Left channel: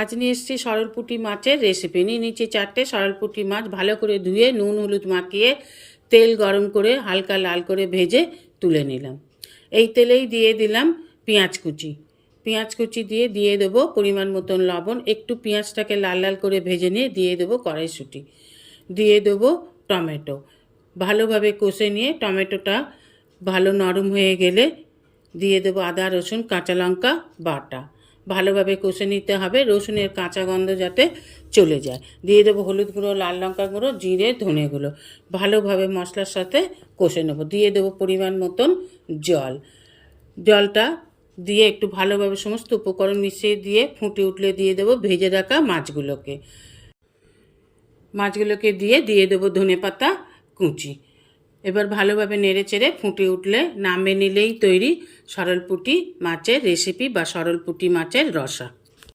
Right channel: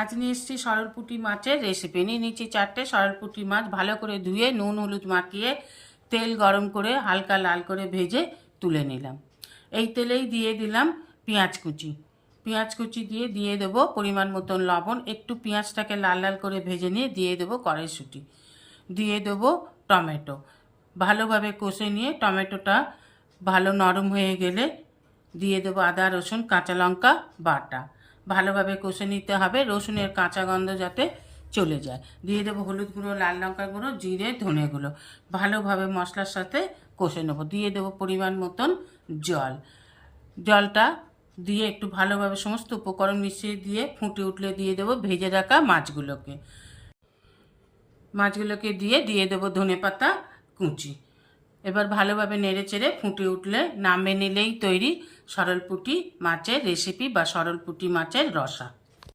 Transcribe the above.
আজ নিয়ে এসেছি সরলপুঁটি মাছের রেসিপি। নিয়ে নিচ্ছি 4টে সরলপুঁটি মাছ, ভালো করে ধুয়ে নুন হলুদ মাখিয়ে তেল গরম করে হালকা লাল করে ভেজে তুলে নিলাম। এই তেলেই দিয়ে দিলাম পেঁয়াজ কুচি দিয়ে দেবো পরিমাণ মতন লবণ, একটু পেঁয়াজটাকে লাল লাল করে ভেজে নিয়ে দিয়ে দেবো কড়াইশুঁটি, দিয়ে দেবো টমেটো, ভালোভাবে কষে নিয়ে টমেটোটা ভালো নরম হয়ে গেলে দিয়ে দেবো আদা রসুন কাঁচা লঙ্কা বাটা, ভালোভাবে কষে নিতে হবে, রসুনের কাঁচা গন্ধ যাতে চলে যায়। দিয়ে দেবো হলুদ গুঁড়ো, লাল লঙ্কা গুঁড়ো, জিরে ধনে গুঁড়ো, ভালোভাবে মশলার সাথে কষে নেবো। দিয়ে দেবো পরিমাণ মতন জলটা দিয়ে একটু ভালোভাবে সমস্ত উপকরণ মিশিয়ে দিয়ে ফুটে উঠলে দিয়ে দেবো ভেজে রাখা মাছগুলোকে দিয়ে দেবো ধনেপাতা কুচি। এবার ভালোভাবে নেড়ে চেড়ে ফুটে উঠলে নামিয়ে নিলেই তৈরি সরলপুঁটি মাছের রেসিপি বা সরলপুঁটি মাছের রসা।